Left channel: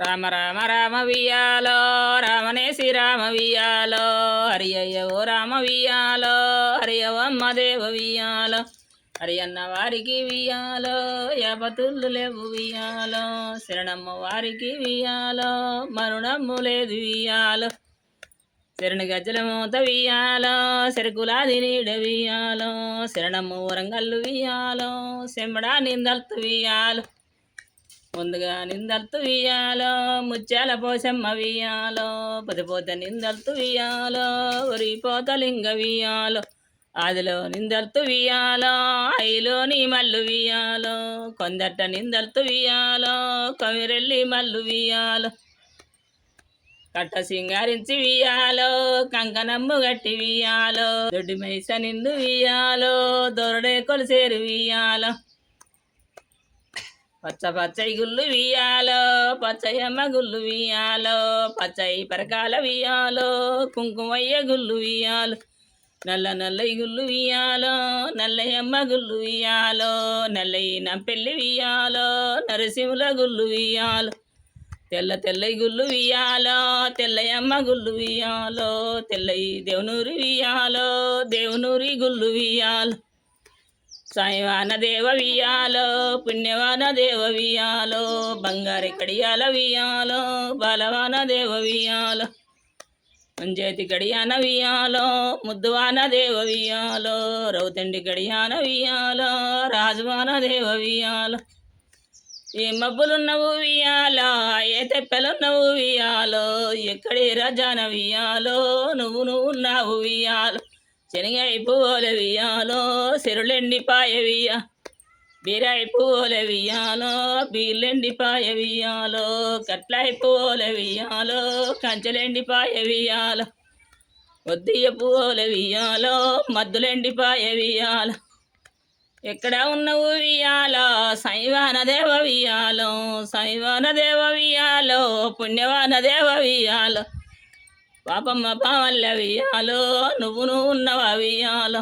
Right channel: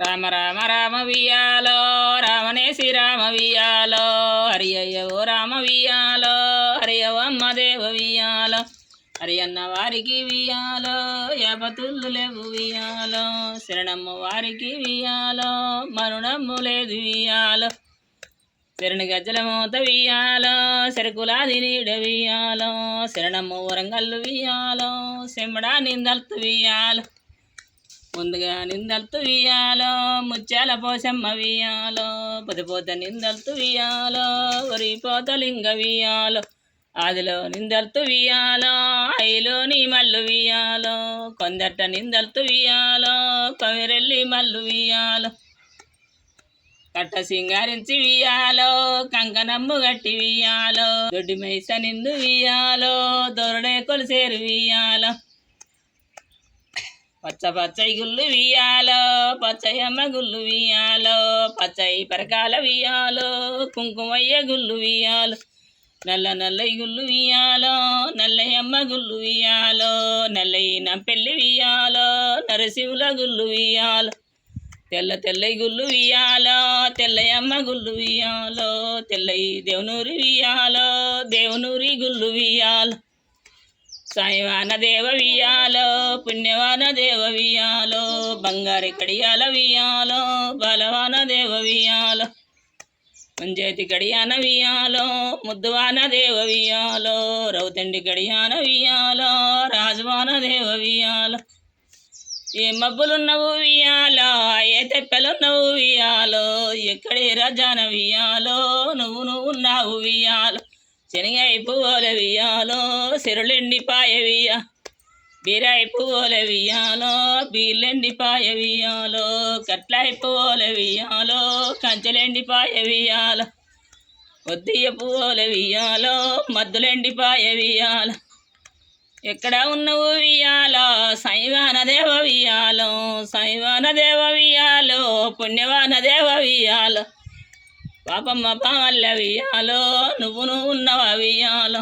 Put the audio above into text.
రామ రామ రామ వియాలో రామనే శ్రీరామ వియాలో హరి అయ్య ఓ రామ వియాలో హరి అమ్మ దేవ వియాలో హరి అన్న వారికి వియాలో యాపతుళ్ళు లేవు వియాలో శరణమ్మ వారికి వియాలో మరుణమ్ము లేదు వియాలో శరణి గజ్జల మూత వియాలో సెరకులాది నీడ వియాలో శరణమ్మ వరంగల్లు వియాలో సెమ్మడా నిందల్తు వియాలో ముందుగా నిందల్తు వియాలో ముత్యాల పోసమ్మ వియాలో పదిపోత నిందల్తు వియాలో వరిపోత లింగ వియాలో ఆదిలో నిందల్తు వియాలో ఐలో నీ మల్లు వియాలో కొందట నిందల్తు వియాలో కవిరెల్లి మల్లు వియాలో కట్ట సింగారించి వియాలో కంకనమ్ము గట్టి వియాలో దొడ్డి మైస నిందు వియాలో దొరడే కొలిసేరు వియాలో పచ్చ పచ్చయి గుళ్ళు వియాలో పచ్చయమ్మ గుళ్ళు వియాలో పచ్చయి పరకాల వియాలో కుంకుమయ్య గుళ్ళు వియాలో నల్ల నల్లయి గుళ్ళు వియాలో నల్లయమ్మ గుళ్ళు వియాలో నల్లయి నంపెల్లి వియాలో నరసింహుల గుళ్ళు వియాలో తెల్ల తెల్లయి గుళ్ళు వియాలో తెల్లయమ్మ గుళ్ళు వియాలో తెల్లయి దేవునూరి వియాలో దేవునూరి గుళ్ళు వియాలో సాయివాన దేవ వియాలో పుణ్యవాన దేవ వియాలో బంగారి కడియాల వియాలో బలవాన దేవ వియాలో మంజేతి గడియాన వియాలో ముద్దువాన దేవ వియాలో రౌతండి గడియాన వియాలో రాజవాన దేవ వియాలో ఏ మబ్బులున్నవు వియాలో ఏ తెప్పెలున్నవు వియాలో ఎక్కడి రజాన వియాలో నువ్వు ఉన్నావు వియాలో శనగై పువ్వుల వియాలో సిరులెండిపాయ వియా బీరాయి పువ్వుల వియాలో బీర్లెండిపాయ వియాలో కట్లయి పువ్వుల వియాలో కంచెలెండిపాయ వియాలో వద్దియ పువ్వుల వియాలో మద్దులెండిపాయ వియాలో ఎక్కడ ఉన్నవు వియాలో శైవాన దేవ వియాలో శైవాన దేవ వియాలో పుణ్యవాన దేవ వియాలో పాపమ్మ పావల్ల వియాలో నువ్వు ఉన్నవా వియాలో